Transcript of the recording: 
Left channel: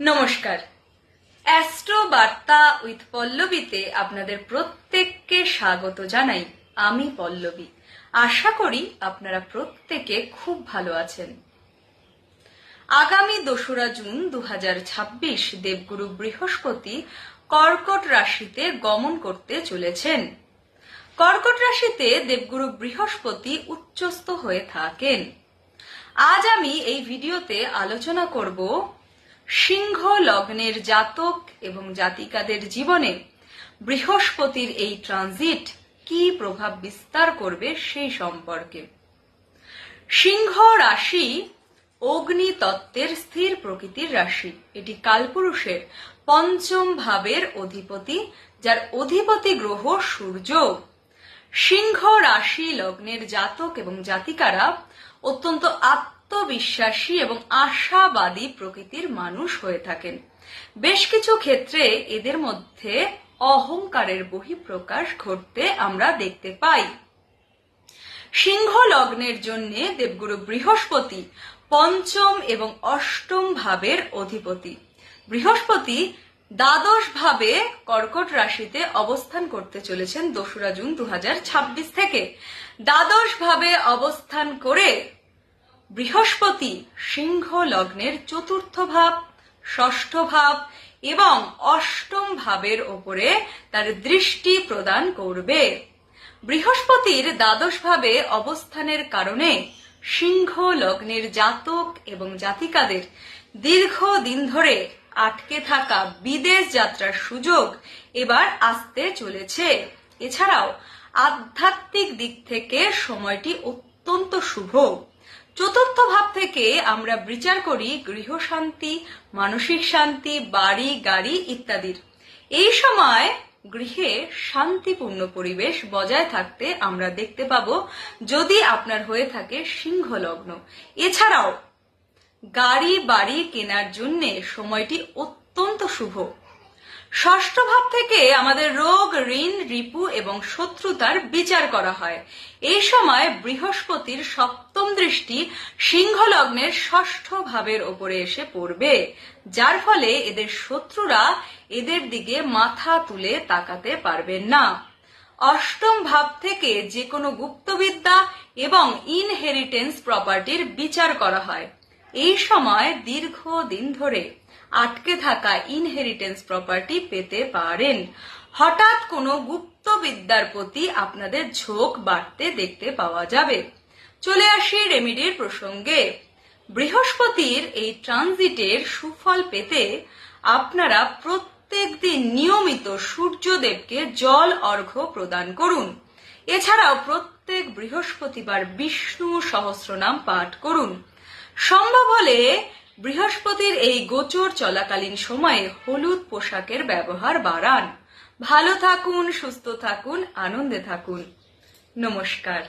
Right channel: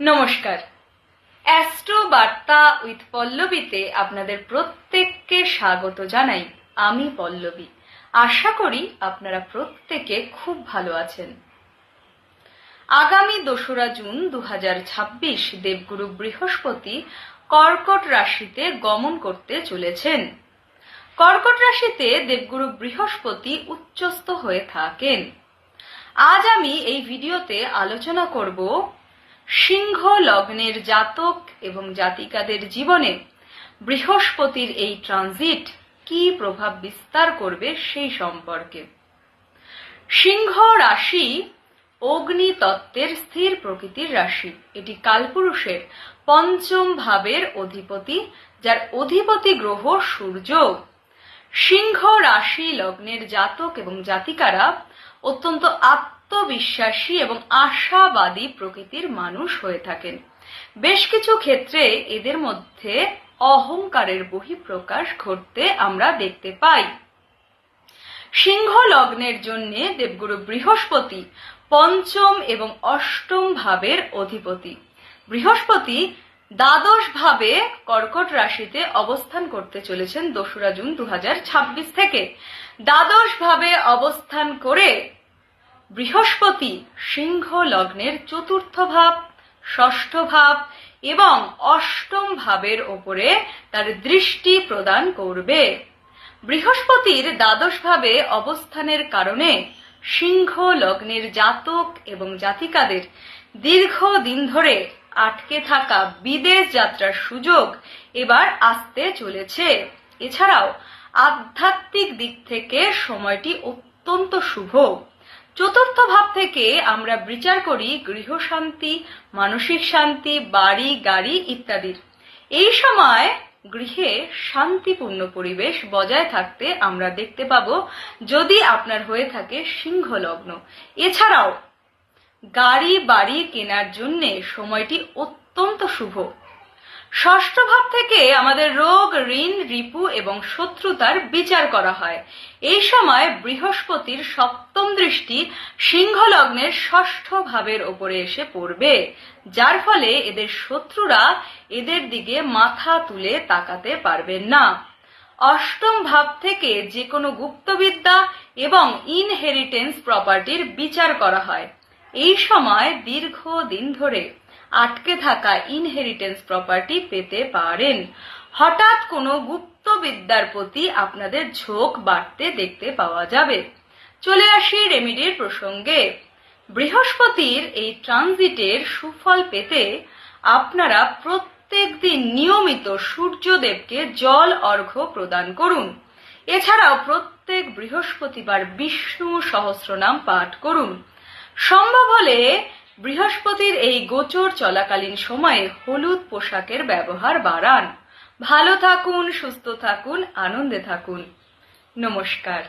নমস্কার। অ্যাস্ট্রো বার্তা উইথ পল্লবীতে আপনাদের প্রত্যেককে স্বাগত জানাই। আমি পল্লবী। আশা করি আপনারা প্রত্যেকে খুব ভালো আছেন। আগামী 2রা জুন 2026 দেবগুরু বৃহস্পতি কর্কট রাশিতে গমন করতে চলেছেন। কর্কট রাশিতে দেবগুরু বৃহস্পতি উচ্চস্থ হয়ে থাকেন। আজ আমি এই ভিডিওতে আলোচনা করব সিংহ লগ্নের জাতক এবং জাতিকাদের জীবনে বৃহস্পতির এই ট্রানজিট কি প্রভাব বিস্তার করবে সেই সম্পর্কে। সিংহ রাশি অগ্নি তত্ত্বের স্থির প্রকৃতির রাশি। এটি কালপুরুষের পঞ্চম ভাবের অধিপতি, যার অধিপতি গ্রহ সূর্য। সিংহ রাশি লগ্নের জাতক এবং জাতিকারা অত্যন্ত আত্মবিশ্বাসী এবং আশাবাদী প্রকৃতির মানুষ হয়ে থাকেন। বেশ কিছু ক্ষেত্রে এদের মধ্যে অহংকারের বহিঃপ্রকাশ ঘটতে আমরা দেখতে পাই। সিংহ লগ্নের জন্য দেবগুরু বৃহস্পতি পঞ্চম এবং অষ্টম ভাবের অধিপতি। বৃহস্পতি দ্বাদশ ভাবে কর্কট রাশিতে অবস্থান করতে চলেছেন 2রা জুন 2026 থেকে। দ্বাদশ ভাবে অবস্থান করে বৃহস্পতি সিংহ লগ্নের চতুর্থ ভাব, ষষ্ঠ ভাব এবং অষ্টম ভাবের ওপরে তার দৃষ্টি প্রদান করবে। বৃহস্পতির দ্বাদশ ভাবে অবস্থানের কারণে সিংহ লগ্নের জাতক এবং জাতিকাদের দীর্ঘদিন ধরে আটকে থাকা বিদেশ যাত্রার সুযোগ এবার আসতে চলেছে। এছাড়াও আধ্যাত্মিক দিক থেকে সময়টি অত্যন্ত শুভ। চতুর্থ ভাব থেকে আমরা বিচার করি গৃহশান্তি, মানসিক শান্তি, বাড়ি গাড়ি ইত্যাদির। এই সময় গৃহে শান্তিপূর্ণ পরিবেশ বজায় থাকতে আমরা দেখতে পাবো যদি আপনার হয়ে থাকে সিংহ লগ্ন। এছাড়াও গাড়ি বাড়ি কেনার জন্য সময়টি অত্যন্ত শুভ। ষষ্ঠ ভাব থেকে আমাদের রোগ, ঋণ, রিপু এবং শত্রুতার বিচার করা হয়। এই সময় বৃহস্পতির সপ্তম দৃষ্টি সিংহ লগ্নের ষষ্ঠ ভাবের ওপরে এসে পড়বে, যার ফলে এদের শত্রুরা এদের দিকে মাথা তুলে তাকাতে পারবেন না। অষ্টম ভাব থেকে যে কোনো গুপ্তবিদ্যা এবং ইনহেরিটেন্স প্রপার্টির বিচার করা হয়। এই সময় দীর্ঘদিন ধরে আটকে থাকা ইনহেরিটেন্স প্রপার্টি পেতে পারেন। হঠাৎ কোনো গুপ্তবিদ্যার প্রতি আপনাদের ঝোঁক বাড়তে দেখতে পাওয়া যাবে। চলে আসি রেমিডির প্রসঙ্গে। বৃহস্পতির এই ট্রানজিটের সুফল পেতে আপনারা প্রত্যেক দিন নিয়মিত সূর্যদেবকে জল অর্ঘ্য প্রদান করুন। এছাড়াও প্রত্যেক বৃহস্পতিবার বিষ্ণু সহস্রনাম পাঠ করুন। সম্ভব হলে বৃহস্পতির এই গোচর চলাকালীন সময়ে হলুদ পোশাকের ব্যবহার বাড়ান। ভালো থাকুন, সুস্থ থাকুন, আনন্দে থাকুন। নমস্কার।